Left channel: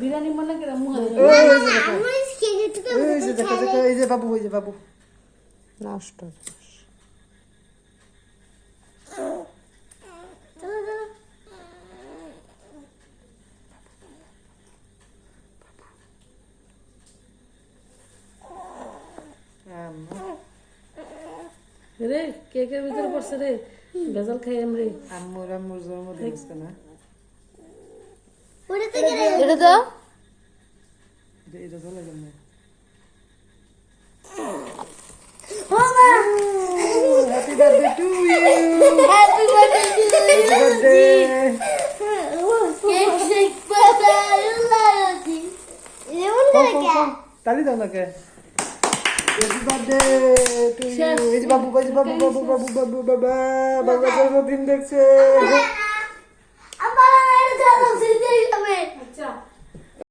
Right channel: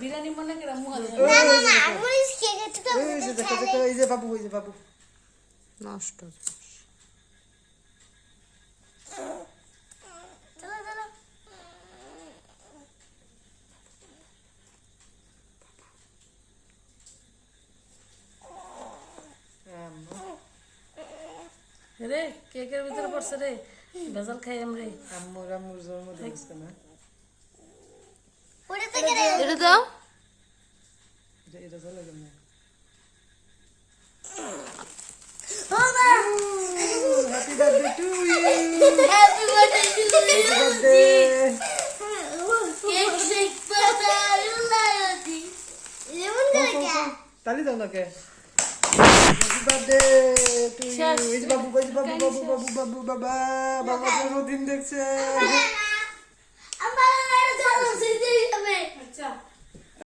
বিরিয়ানি মনে করে মুখে এই যে দেখো দেখো এই যে বাবু নষ্ট রে কেকের ভিতরে পড়ছে রে ভেজাল খাই আমরা আম্মুর জন্মদিন না এটা দাও এটা চলে গেল না happy birthday to you happy birthday happy birthday cake shake বাবা লাইতি লেমন দাও তালি দাও না কে হ্যাপি বার্থডে টু ইউ এই যে বাবু জন্মদিন দেখছে